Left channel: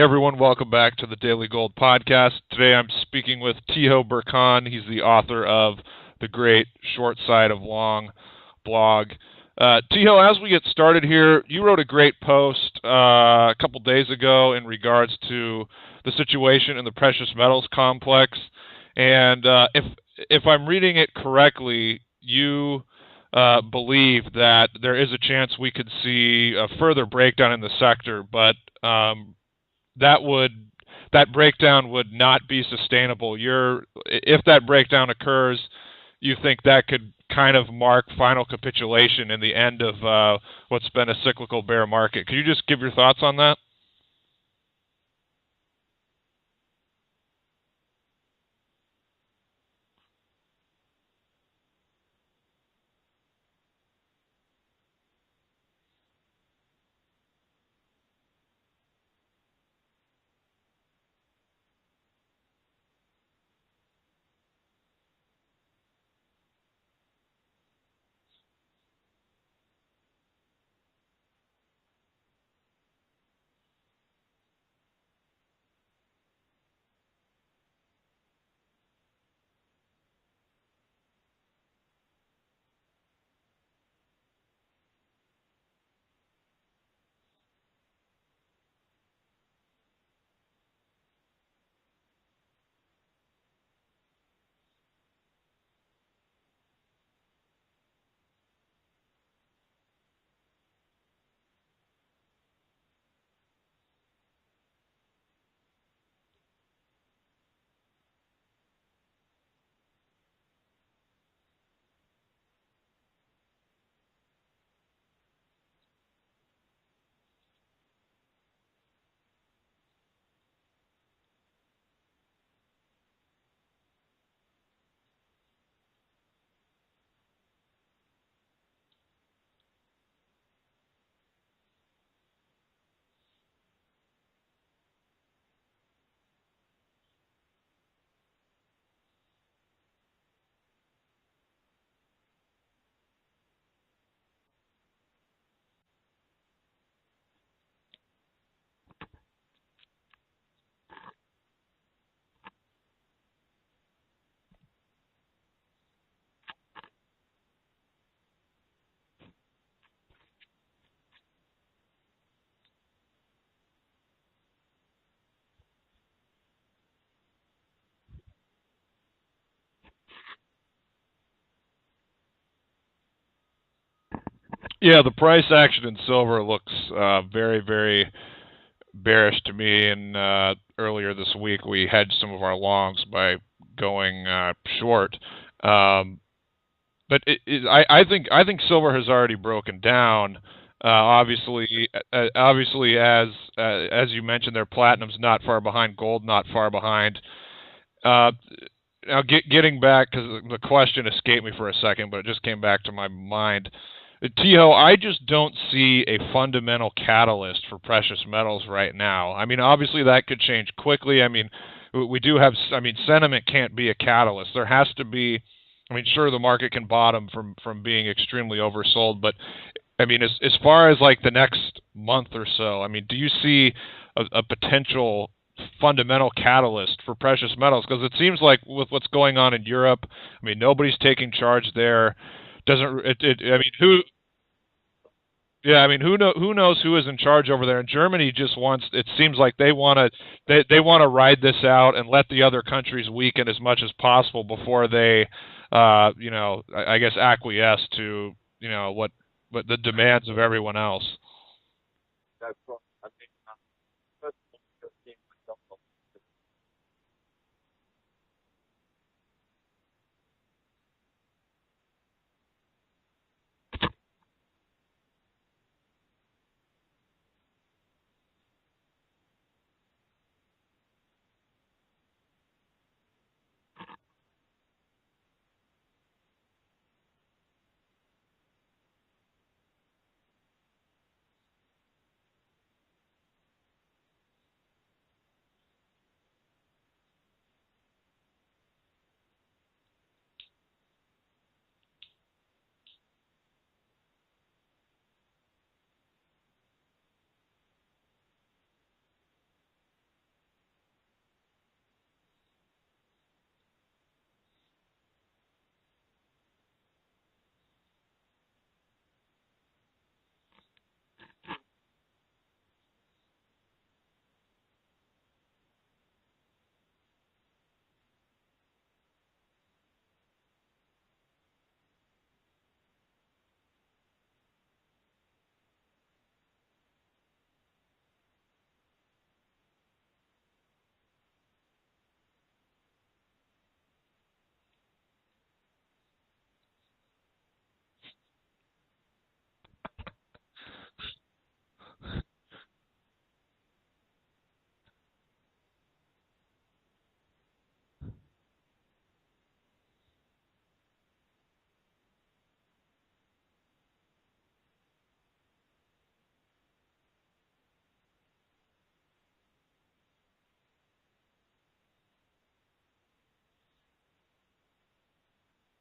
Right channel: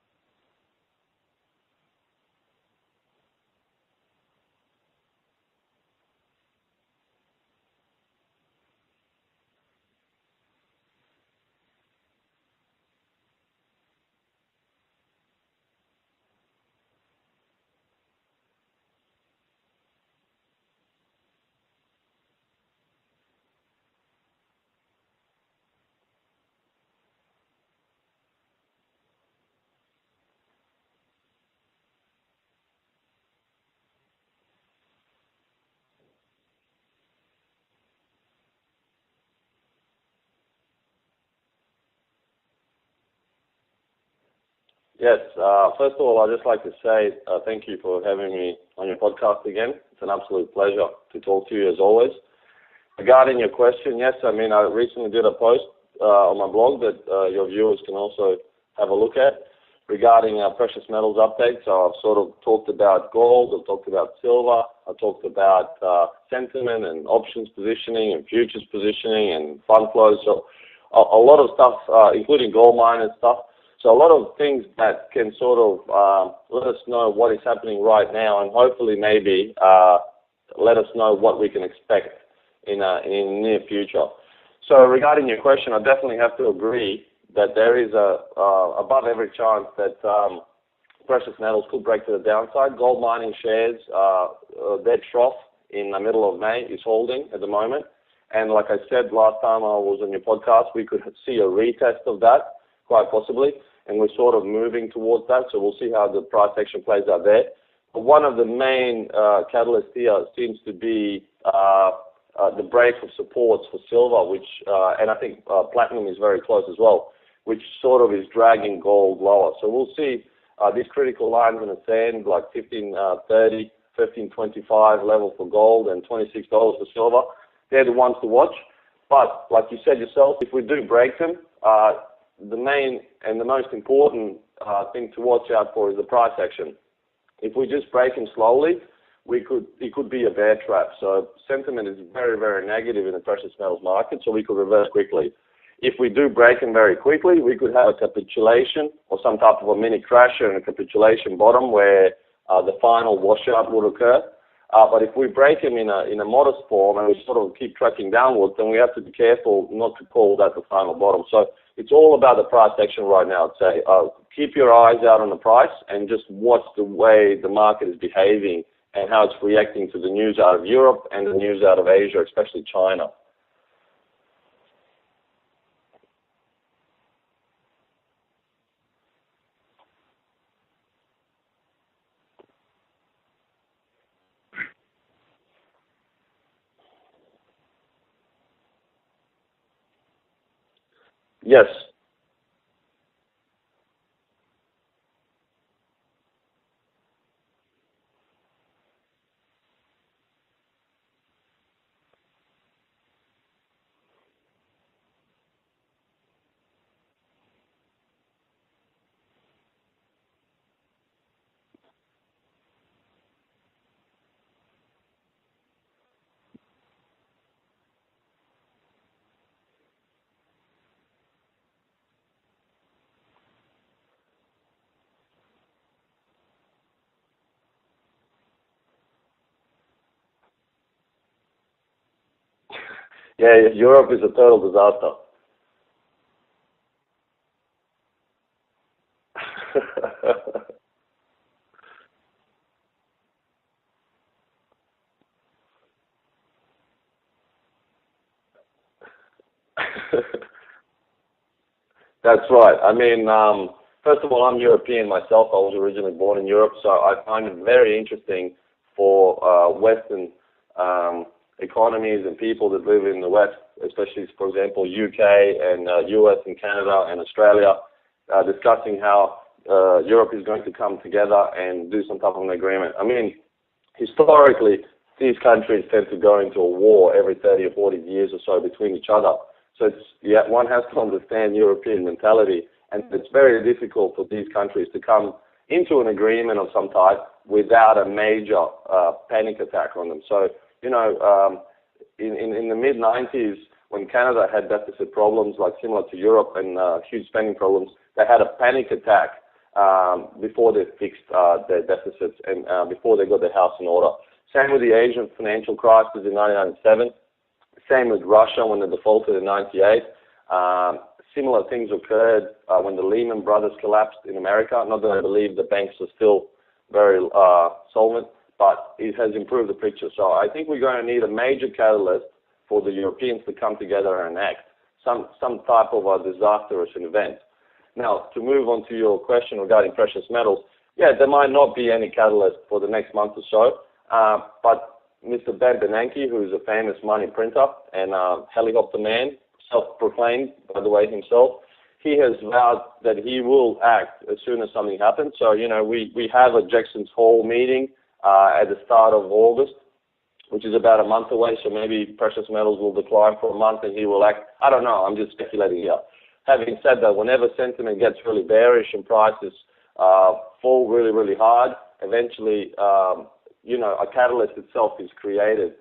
Hey everyone, welcome back to the Daily Gold Podcast. Today I'm speaking with Roy-byrne. He's the author of the great Short Side of Long blog. As we get started here, you wrote a great post a couple days ago in regards to the situation in the precious metals complex. And if I'm reading it correctly, you believe that there is a chance we could see a further breakdown in the sector, but that breakdown would not be sustainable. If that breakdown occurs, you think that could kind of mark final capitulation in the end of what's been a cyclical bear market. Could you just give your thoughts on that? Yes. First of all, I'd just like to say thank you for having me on your podcast again. It's an absolute pleasure to talk to you as always. Regarding your question, yes, I recently did a post on my blog that your viewers can also have a look at regarding precious metals updates. So I've sort of talked about gold, I've talked about silver, I've talked about sentiment and options positioning and futures positioning and fund flows. So a lot of stuff, including gold miners stuff. So a lot of things that can sort of let us know what is happening right now and hopefully maybe let us know what we can expect in the near future. So regarding your question, I definitely have to agree that there is a above average chance that precious metals could break to the downside. Gold mining shares, their trough in the middle of May is holding at the moment. And like I said last time I was on your podcast, we could see a retest of that, quite possibly. And we're sort of moving towards that, so we'll see how the price action plays out there. But one of the main catalysts here seems to be the break of supports for silver, which, and I think platinum is very close as well, which sort of is dragging gold lower. So we'll see these critical lines in the sand, like 15.30, 15.25 level for gold and $26 for silver. They're the ones to watch. But like you said yourself, if we do break them, the main and the most important thing to watch out for is the price action. If we just break them slowly, it could be a bear trap. So sentiment is very, very negative in the precious metals market, so we could reverse quickly. If we do break them very quickly, we could have a capitulation or some type of a mini crash and a capitulation bottom where the final washout would occur. But if we break them in a modest form and we sort of keep tracking downwards, then we have to be careful not to call that the final bottom. So it's all about the price action right now. I'd say keep your eyes out on the price and just watch the way the market is behaving and how it's reacting to the news out of Europe and the news out of Asia, especially China. Yeah, the price action in silver looks very, very bearish to me. And earlier this week, we hedged some of our longs by going short. But I think silver has already broken down. Obviously, yes. Obviously, as you mentioned, their platinum's not far behind, gold not far behind. Now, getting back, because the question escaped me for a second, but it just came back to my mind. I just don't see a fundamental catalyst for precious metals right now. I mean, obviously that could change quickly. I mean, we do have, sentiment can't be a catalyst. There has to be, sure, the market can bottom from being extremely oversold, but as far as like the next month or so, do you see a potential fundamental catalyst for precious metals? Because it seems like with what's going on in Europe, nobody's taking charge there. Europe is a total disaster. Yeah, who knows who is in charge over there? And Germany just wants. It seems like they want to they want to ride this out and let the other countries weaken as much as possible before they, I guess acquiesce to what the demands of everyone else. That's right. First of all, I'm European myself. I was originally born in Europe, so I find it very interesting for Western economies and people that live in the West, especially, for example, UK and US and Canada and Australia, discussing how Europe is going to come together and do some type of an agreement. Historically, these countries tend to go into a war every 30 or 40 years or so between each other. So one has to understand European mentality, and it's very difficult for these countries to come into an agreement of some type without a major panic attack on them. So, in the mid-90s, when Canada had deficit problems like similar to Europe and huge spending problems, they had a panic attack before they fixed their deficits and before they got their house in order. Same with the Asian financial crisis in 1997. Same with Russia when they defaulted in 98. Similar things occurred when the Lehman Brothers collapsed in America. Not that I believe the banks are still very solvent, but it has improved the picture. So I think we're going to need a major catalyst for the Europeans to come together and act, some type of a disastrous event. Now, to move on to your question regarding precious metals, yeah, there might not be any catalyst for the next month or so, but Mr. Ben Bernanke, who is a famous money printer and helicopter man, self-proclaimed, by the way, himself, he has vowed that he will act as soon as something happens. So, we have a Jackson's Hole meeting at the start of August, which is about a month away, so maybe precious metals will decline for a month and he will act. I don't know, I'm just speculating here. Having said that, whenever sentiment gets really bearish and prices fall really, really hard, eventually, a catalyst itself is created.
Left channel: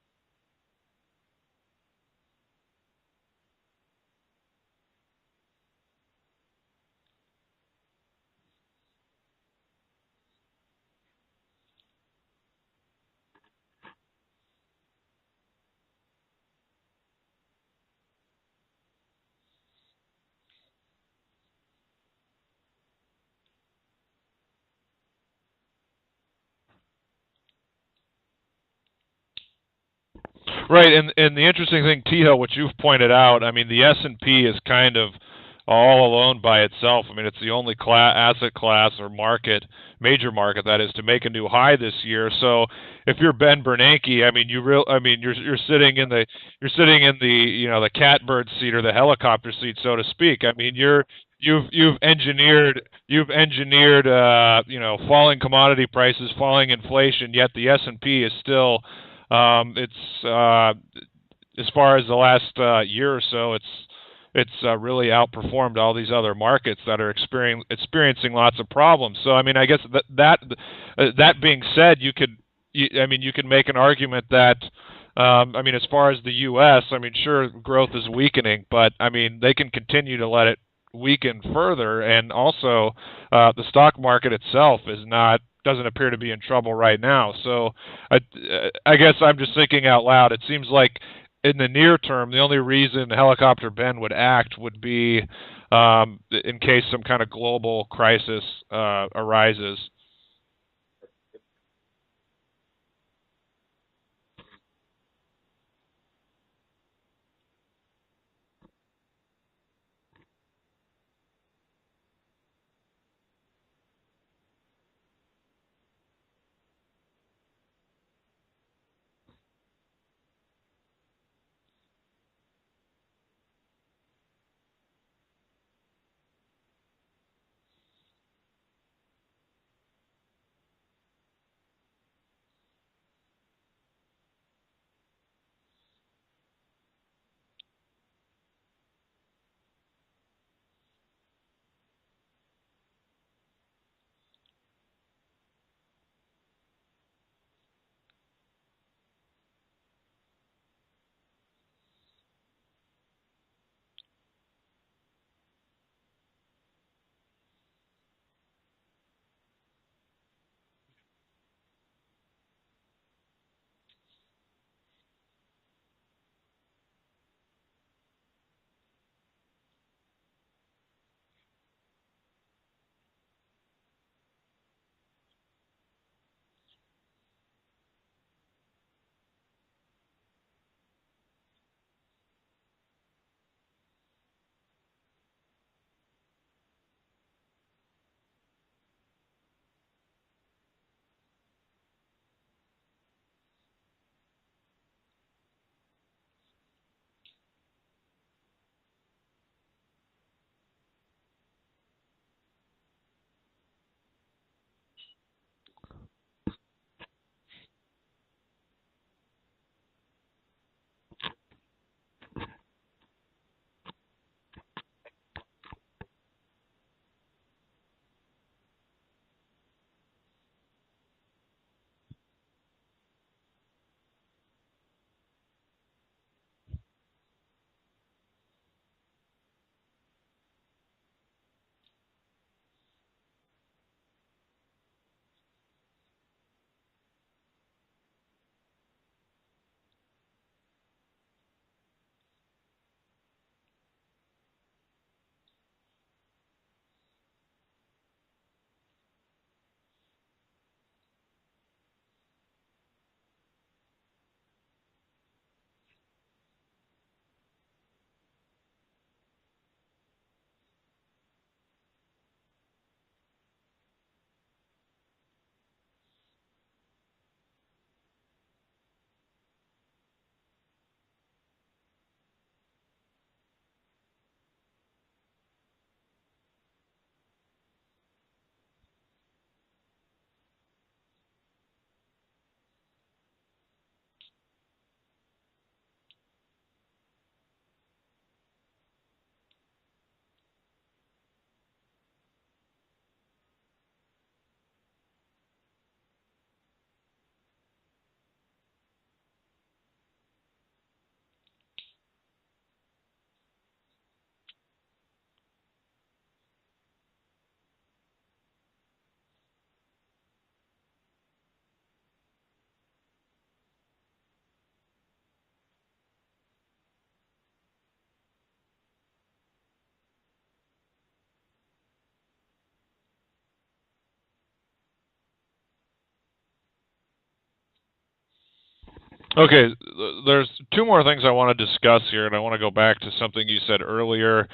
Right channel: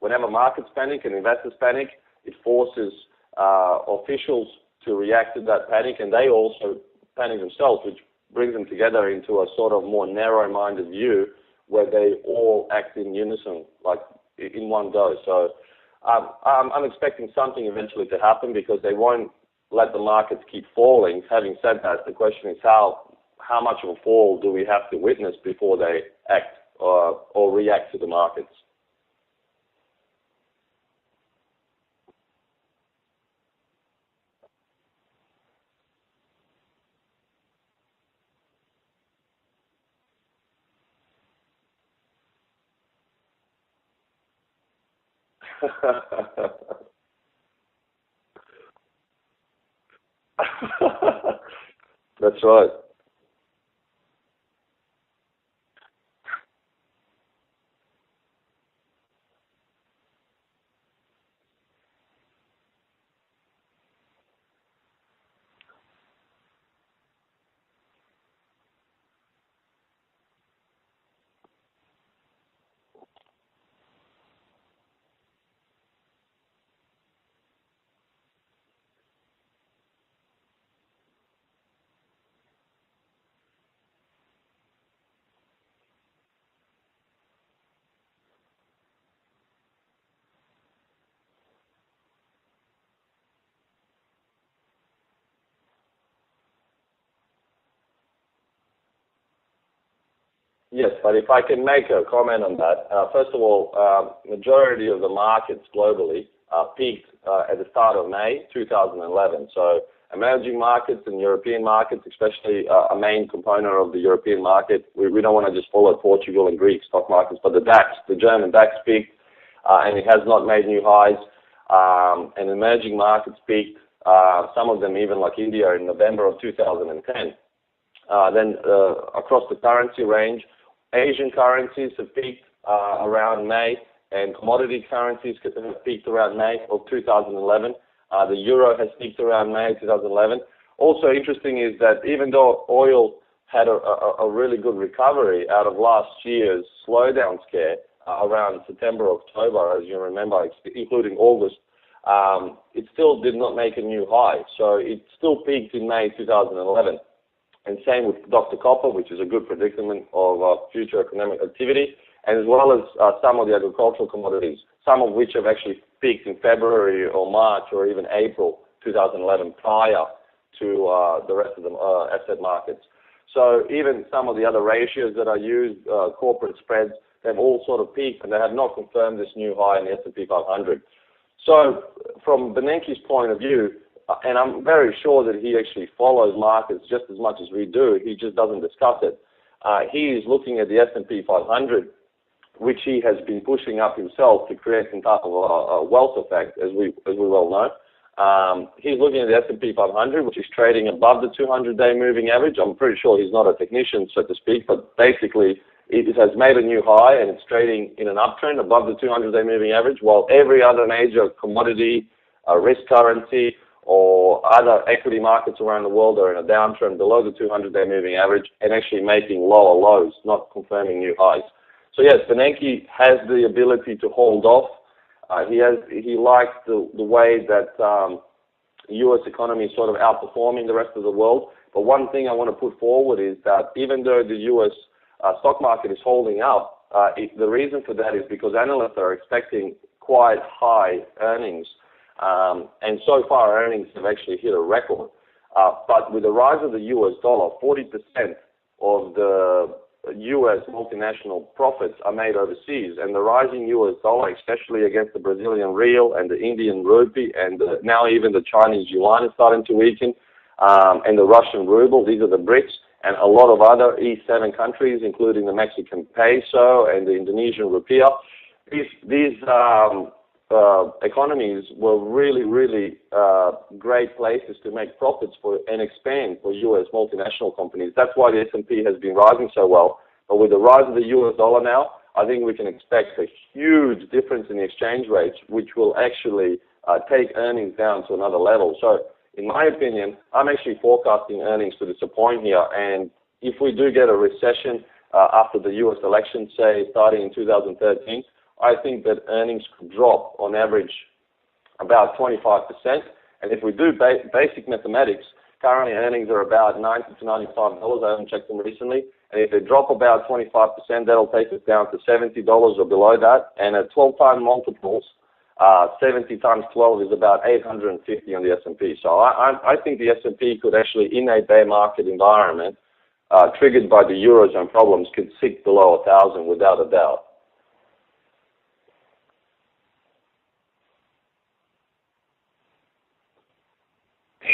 Whenever markets panic and investors panic, it forces officials to react to that panic, and they also panic themselves, which brings them together into a sort of more narrow-minded view where they all act in unison, like in one go. So I'm expecting something eventually to happen because they won't let the markets keep falling. Having said that, the question is how much of a fall do we have to witness before they act or react to the markets? Right, and the interesting thing, T-Hill, what you've pointed out, I mean, the S&P is kind of all alone by itself. I mean, it's the only asset class or major market that is, to make a new high this year. So if you're Ben Bernanke, I mean, you're sitting in the the catbird seat or the helicopter seat, so to speak. I mean, you've engineered falling commodity prices, falling inflation, yet the S&P is still as far as the last year or so, it's really outperformed all these other markets that are experiencing lots of problems. So I mean, I guess that being said, you could make an argument that as far as the U.S., I mean, sure, growth is weakening, but I mean, they can continue to let it weaken further, and also the stock market itself doesn't appear to be in trouble right now. So I guess I'm just thinking out loud. It seems like in the near term, the only reason Helicopter Ben would act would be in case some kind of global crisis arises. Yes, but if I can make a comment on that, first of all, majority of the markets globally peaked at the start of May 2011. So emerging markets and European markets, especially a main component of the European market, we don't want to just follow Portugal and Greek stock markets, but the German DAX peaked, and it has not made new highs. And emerging markets peaked, some of them even like India in November of 2010. Then across the currency range, Asian currencies have peaked around May, and commodity currencies have peaked around May of 2011. The euro has peaked around May 2011. Also interesting is that even though oil had a really good recovery out of last year's slowdown scare around September, October, as you remember, including August, it still did not make a new high. So it still peaked in May 2011. And same with Dr. Copper, which is a good predicament of future economic activity, and as well as some of the agricultural commodities, some of which have actually peaked in February or March or even April 2011 prior to the rest of the asset markets. So even some of the other ratios that are used, corporate spreads, they've all sort of peaked, and they have not confirmed this new high in the S&P 500. So from Bernanke's point of view, and I'm very sure that he actually follows markets just as much as we do, he just doesn't discuss it. He is looking at the S&P 500, which he has been pushing up himself to create some type of a wealth effect, as we well know. He's looking at the S&P 500, which is trading above the 200-day moving average. I'm pretty sure he's not a technician, so to speak, but basically it has made a new high, and it's trading in an uptrend above the 200-day moving average, while every other major commodity, risk currency, or other equity markets around the world are in a downtrend below the 200-day moving average and actually making lower lows, not confirming new highs. So yes, Bernanke has the ability to hold off. He likes the way that U.S. economy is sort of outperforming the rest of the world, But one thing I want to put forward is that even though the U.S. Stock market is holding up, the reason for that is because analysts are expecting quite high earnings. And so far, earnings have actually hit a record. But with the rise of the U.S. dollar, 40% of the U.S. multinational profits are made overseas. And the rising U.S. dollar, especially against the Brazilian real and the Indian rupee, and now even the Chinese yuan is starting to weaken, and the Russian ruble, these are the BRICS, and a lot of other E7 countries, including the Mexican peso and the Indonesian rupiah. These economies were really, really great places to make profits for and expand for U.S. multinational companies. That's why the S&P has been rising so well. But with the rise of the U.S. dollar now, I think we can expect a huge difference in the exchange rates, which will actually take earnings down to another level. So, in my opinion, I'm actually forecasting earnings to disappoint here. And if we do get a recession after the U.S. election, say starting in 2013, I think that earnings could drop on average about 25%. And if we do basic mathematics, currently earnings are about $90 to $95. I haven't checked them recently. And if they drop about 25%, that'll take us down to $70 or below that. And at 12-time multiples, 70 times 12 is about 850 on the S&P. So I think the S&P could actually, in a bear market environment, triggered by the Eurozone problems, could sink below 1,000 without a doubt. Okay, there's two more things I want to discuss here, and I want to go back to something you said earlier.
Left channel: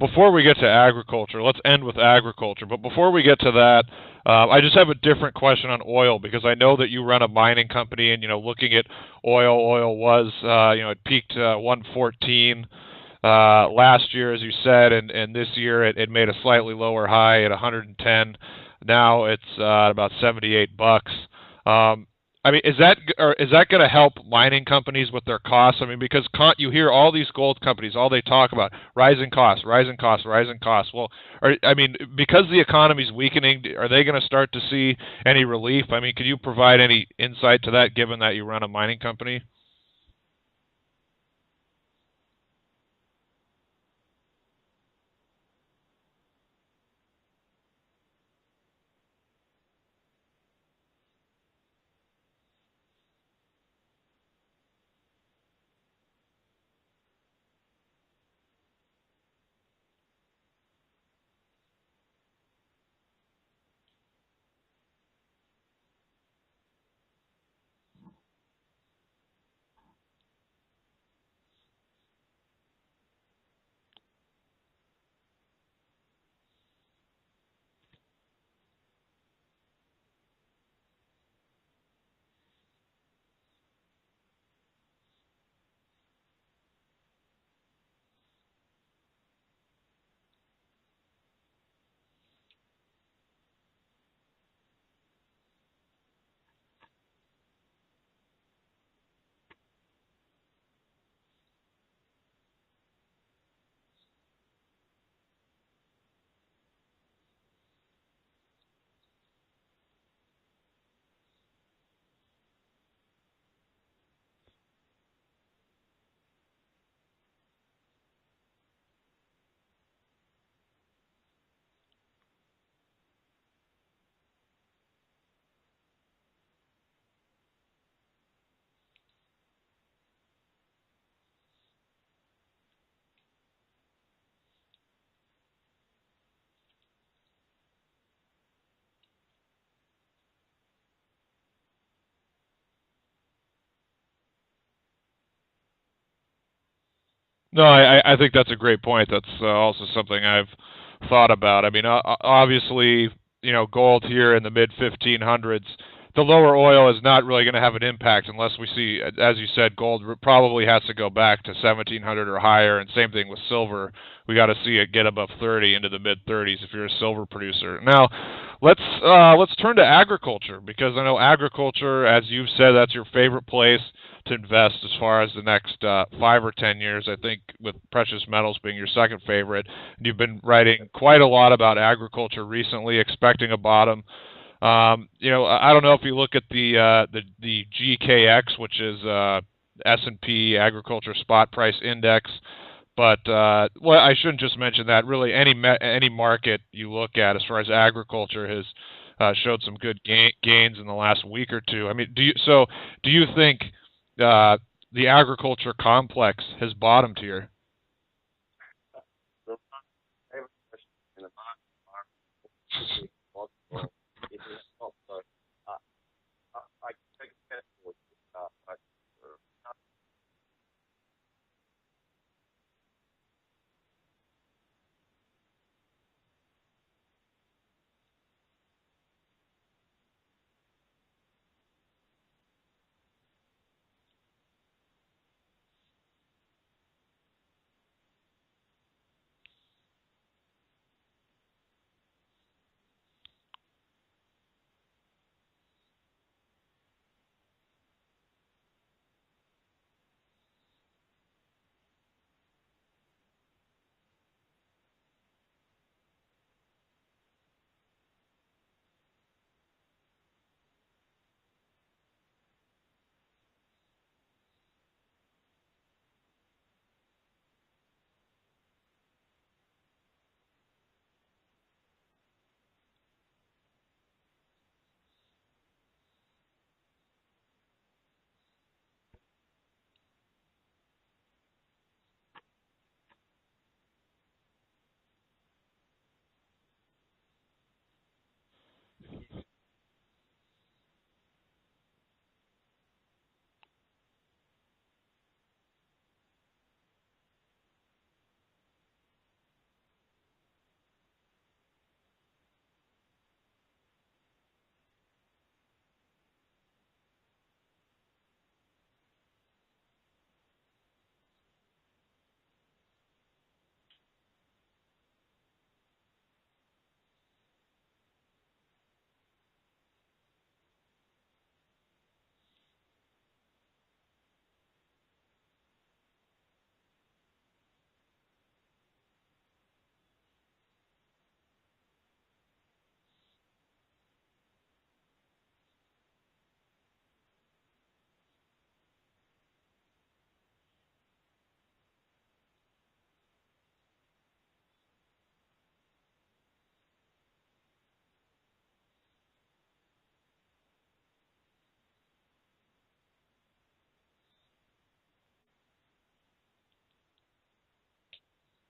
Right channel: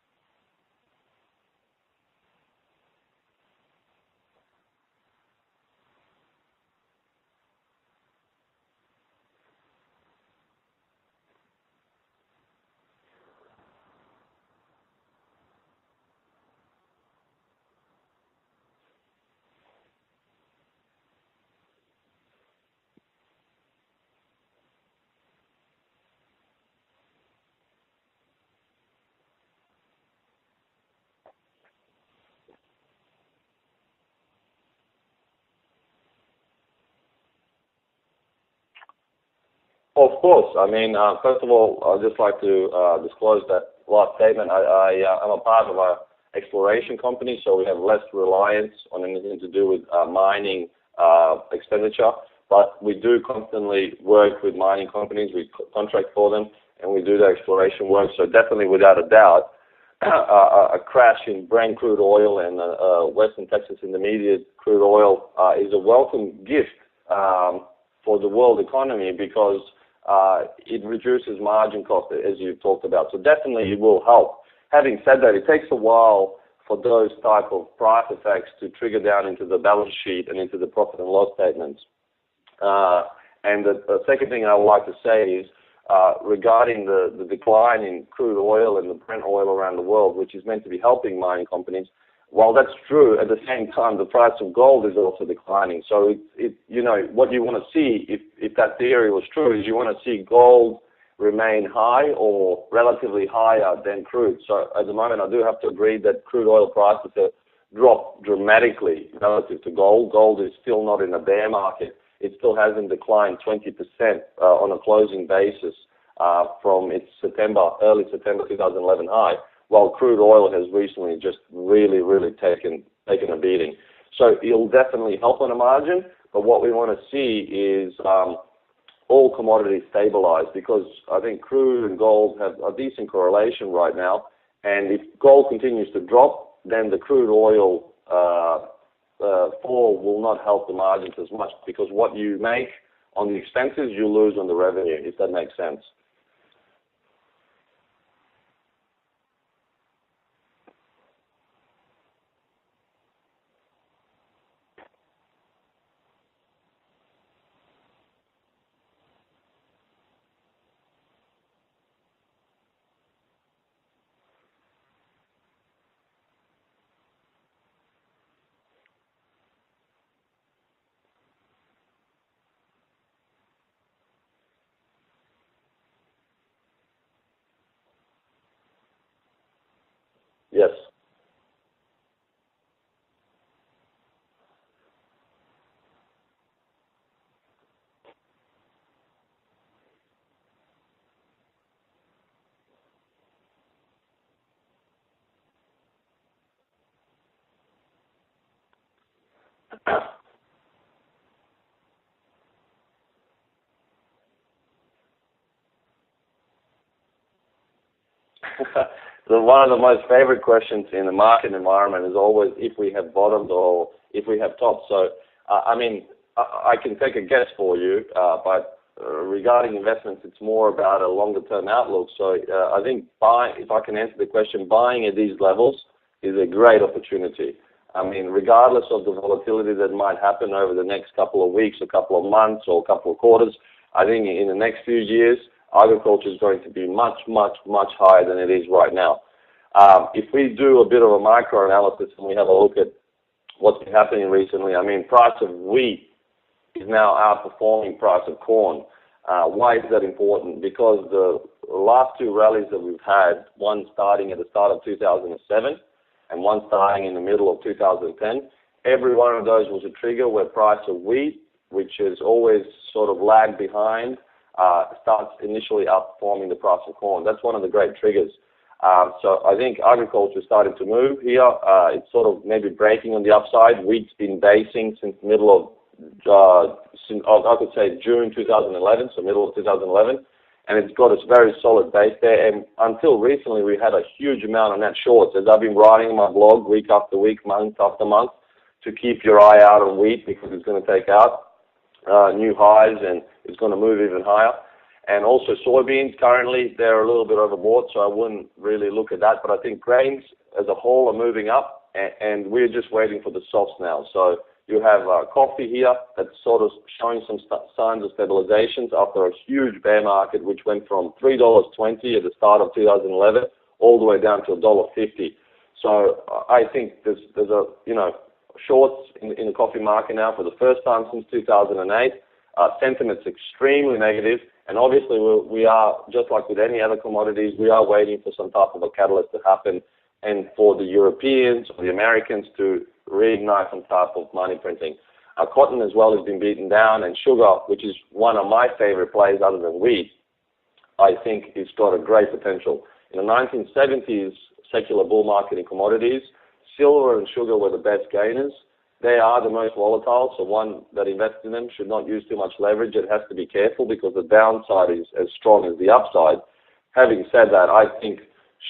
Before we get to agriculture, let's end with agriculture. But before we get to that, I just have a different question on oil, because I know that you run a mining company, and looking at oil was it peaked 114 last year, as you said, and this year it made a slightly lower high at 110. Now it's about $78. I mean, is that going to help mining companies with their costs? I mean, because you hear all these gold companies, all they talk about, rising costs, rising costs, rising costs. Well, because the economy's weakening, are they going to start to see any relief? I mean, can you provide any insight to that, given that you run a mining company? Of course. I mean, first of all, I'd just like to disclose that last statement. I'm a part of an exploration company, so we have less reliance on anything to do with mining expenditure. But we do constantly work with mining companies. We contract for them, and we do the exploration work. So definitely, without a doubt, a crash in Brent crude oil and Western Texas Intermediate crude oil is a welcome gift for the world economy, because it reduces margin cost, as you talked about. So definitely it will help. Having said that, it takes a while for those type of price effects to trigger down into the balance sheet and into the profit and loss statements. And the second thing I would like to say is regarding the decline in crude oil and the Brent oil around the world, which is meant to be helping mining companies. While that's true, at the same time, the price of gold is also declining. So what you want to see, if that theory was true, is you want to see gold remain high or relatively higher than crude. So at the moment, I do have to agree that crude oil prices have dropped dramatically relative to gold. Gold is still not in a bear market. It still hasn't declined 20% on a closing basis from its early September 2011 high, while crude oil has recently just really, really taken a beating. So it'll definitely help on a margin, but what we want to see is all commodities stabilize, because I think crude and gold have a decent correlation right now, and if gold continues to drop, then the crude oil fall will not help the margins as much, because what you make on the expenses, you lose on the revenue, if that makes sense. No, I think that's a great point. That's also something I've thought about. I mean, obviously, gold here in the mid-1500s, the lower oil is not really going to have an impact unless we see, as you said, gold probably has to go back to 1700 or higher, and same thing with silver. We got to see it get above 30 into the mid-30s if you're a silver producer. Now, let's turn to agriculture, because I know agriculture, as you've said, that's your favorite place to invest as far as the next 5 or 10 years. I think with precious metals being your second favorite. You've been writing quite a lot about agriculture recently, expecting a bottom. I don't know if you look at the GKX, which is S&P Agriculture Spot Price Index. But well, I shouldn't just mention that. Really, any market you look at, as far as agriculture, has showed some good gains in the last week or two. I mean, do you think the agriculture complex has bottomed here? So one of the most favorite questions in the market environment is always if we have bottomed or if we have topped. So, I mean, I can take a guess for you, but regarding investments, it's more about a longer-term outlook. So I think if I can answer the question, buying at these levels is a great opportunity. I mean, regardless of the volatility that might happen over the next couple of weeks, a couple of months, or a couple of quarters, I think in the next few years, agriculture is going to be much, much, much higher than it is right now. If we do a bit of a micro-analysis and we have a look at what's been happening recently, I mean, price of wheat is now outperforming price of corn. Why is that important? Because the last two rallies that we've had, one starting at the start of 2007 and one starting in the middle of 2010, every one of those was a trigger where price of wheat, which is always sort of lagged behind, starts initially outperforming the price of corn. That's one of the great triggers. So I think agriculture started to move here. It's sort of maybe breaking on the upside. Wheat's been basing since the middle of, I could say June 2011, so middle of 2011, and it's got a very solid base there. And until recently, we had a huge amount of net shorts. As I've been writing in my blog week after week, month after month, to keep your eye out on wheat because it's going to take out new highs and it's going to move even higher. And also soybeans, currently, they're a little bit overbought, so I wouldn't really look at that. But I think grains as a whole are moving up, and we're just waiting for the softs now. So you have coffee here that's sort of showing some signs of stabilizations after a huge bear market, which went from $3.20 at the start of 2011 all the way down to $1.50. So I think there's a, shorts in the coffee market now for the first time since 2008. Sentiment's extremely negative, and obviously we are, just like with any other commodities, we are waiting for some type of a catalyst to happen and for the Europeans or the Americans to reignite some type of money printing. Cotton as well has been beaten down, and sugar, which is one of my favorite plays other than wheat, I think it's got a great potential. In the 1970s secular bull market in commodities, silver and sugar were the best gainers. They are the most volatile, so one that invests in them should not use too much leverage. It has to be careful because the downside is as strong as the upside. Having said that, I think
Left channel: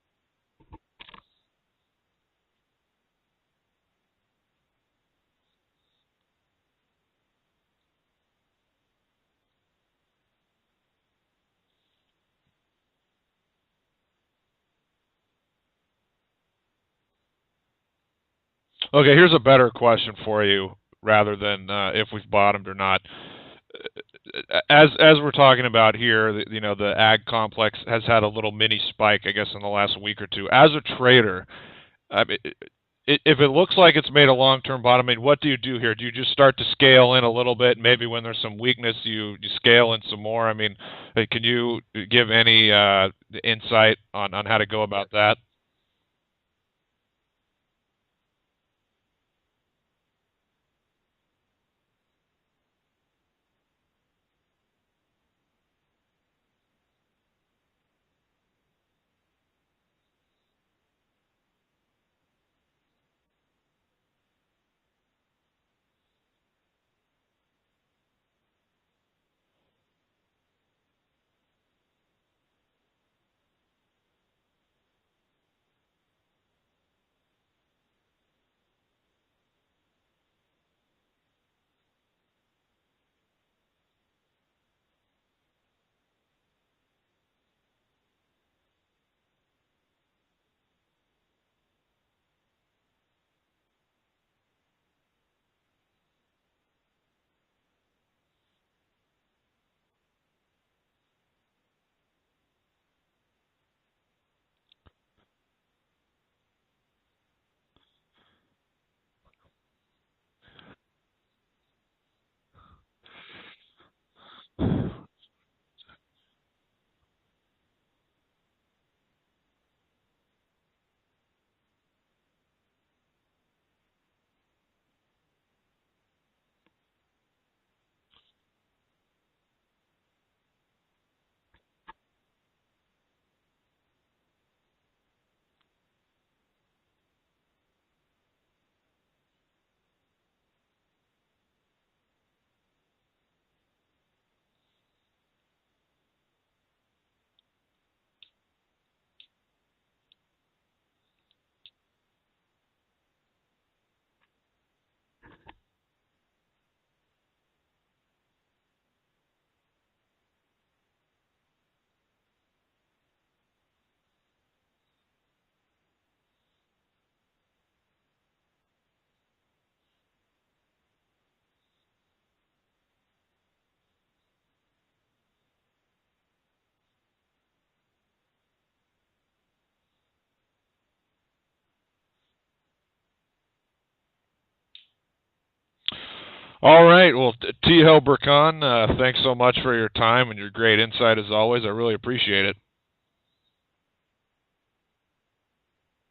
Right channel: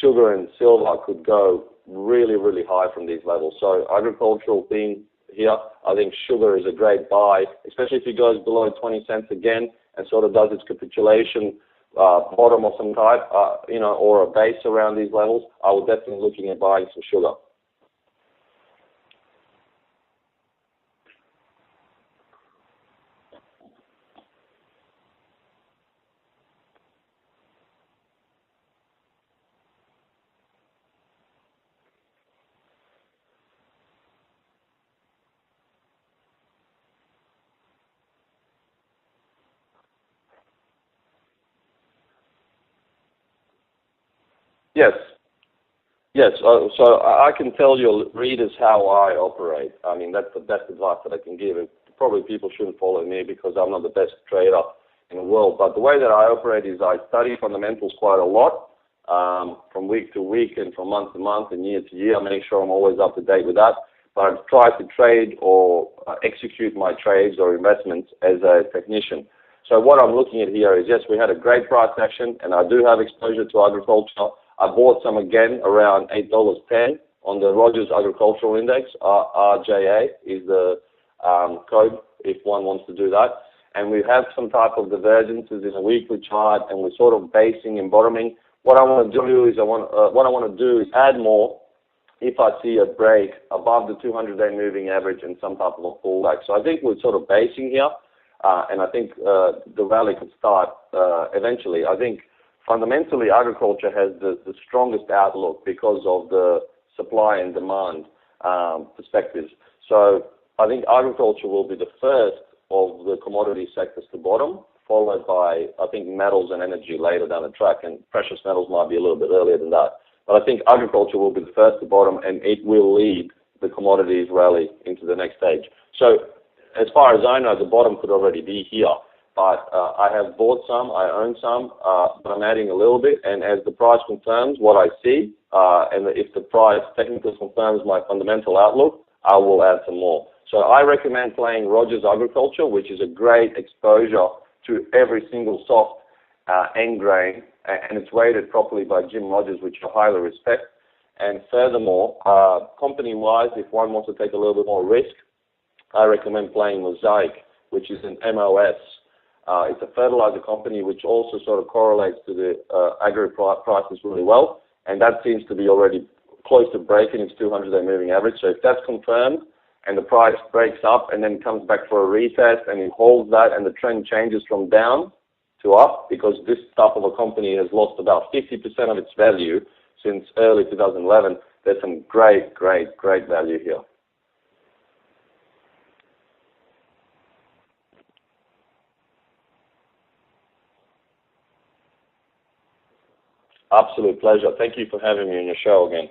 sugar and silver could go really, really high from these levels. So agricultural theme here, I think sugar is a great buy, especially if it goes below 20 cents again and sort of does its capitulation bottom of some type, or a base around these levels. I would definitely be looking at buying some sugar. Okay, here's a better question for you, rather than if we've bottomed or not. As we're talking about here, the ag complex has had a little mini spike, I guess, in the last week or two. As a trader, if it looks like it's made a long-term bottom, I mean, what do you do here? Do you just start to scale in a little bit? Maybe when there's some weakness, you scale in some more. I mean, can you give any insight on how to go about that? Yes, so I can tell your readers how I operate. I mean, that's the best advice that I can give. And probably people shouldn't follow me because I'm not the best trader in the world. But the way that I operate is I study fundamentals quite a lot, from week to week and from month to month and year to year. I make sure I'm always up to date with that. But I try to trade or execute my trades or investments as a technician. So what I'm looking at here is, yes, we had a great price action, and I do have exposure to agriculture. I bought some again around $8.10 on the Rogers Agricultural Index. RJA is the code if one wants to do that. And we have some type of divergences in a weekly chart, and we're sort of basing and bottoming. What I want to do is add more if I see a break above the 200-day moving average and some type of a pullback. So I think we're sort of basing here, and I think the rally could start eventually. I think fundamentally, agriculture has the strongest outlook because of the supply and demand perspectives. So I think agriculture will be the first of the commodity sectors to bottom, followed by, I think, metals and energy later down the track, and precious metals might be a little bit earlier than that. But I think agriculture will be the first to bottom, and it will lead the commodities rally into the next stage. So as far as I know, the bottom could already be here. but I have bought some, I own some, but I'm adding a little bit, and as the price confirms what I see, and if the price technically confirms my fundamental outlook, I will add some more. So I recommend playing Rogers Agriculture, which is a great exposure to every single soft end grain, and it's weighted properly by Jim Rogers, which I highly respect. And furthermore, company-wise, if one wants to take a little bit more risk, I recommend playing Mosaic, which is an MOS. It's a fertilizer company which also sort of correlates to the agri prices really well, and that seems to be already close to breaking its 200-day moving average. So if that's confirmed and the price breaks up and then comes back for a retest and it holds that and the trend changes from down to up, because this type of a company has lost about 50% of its value since early 2011, there's some great value here. All right. Well, T. Burkan, thanks so much for your time and your great insight as always. I really appreciate it. Absolute pleasure. Thank you for having me on your show again.